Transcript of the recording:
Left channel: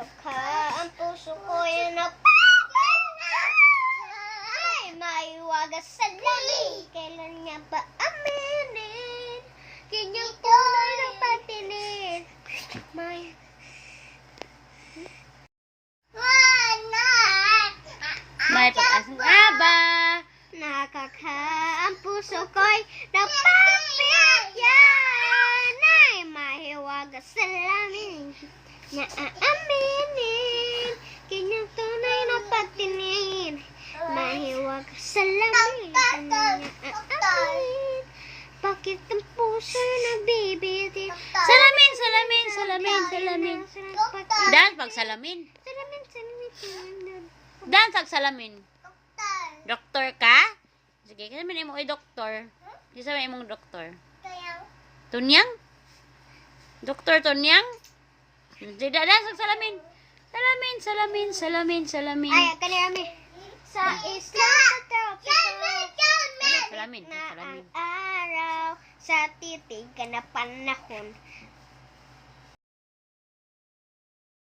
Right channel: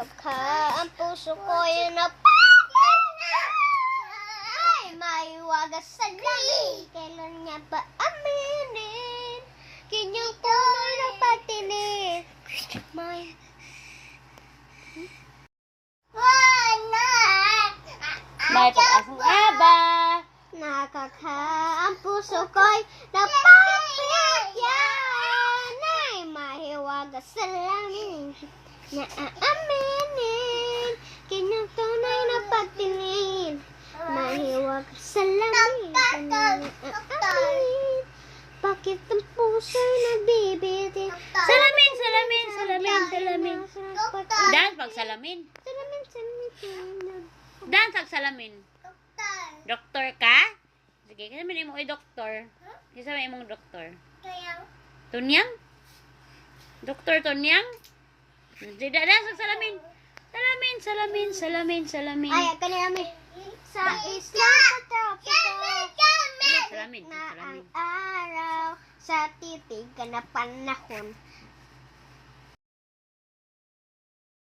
Nakaka ang puso ko'y ay maiwagas sa lamin. Kailan niya ba aminin? Kanyang tunay na patilin. May pag-asang aba. Nakaka ang puso ko'y napapigyan. Ay mahiwagas sa lamin. Naaaminin. Kanyang tunay na patilin. Mahiwagas sa lamin. Naaaminin. Bakit ang puso nabibitin? Salamin, salamin, salamin, salamin. Dance pag salamin. Salamin, salamin. Dance pag salamin. Doktor ka? Sige, kasi man imong doktor. Kasi man imong doktor. Tunyang? Doktor Tunyang? Dida dance pag salamin. Salamin, salamin, salamin, salamin. Ay, kanami. Sa isla sa tropiko. Salamin, Na salamin. ang araw sa titigan na panahon.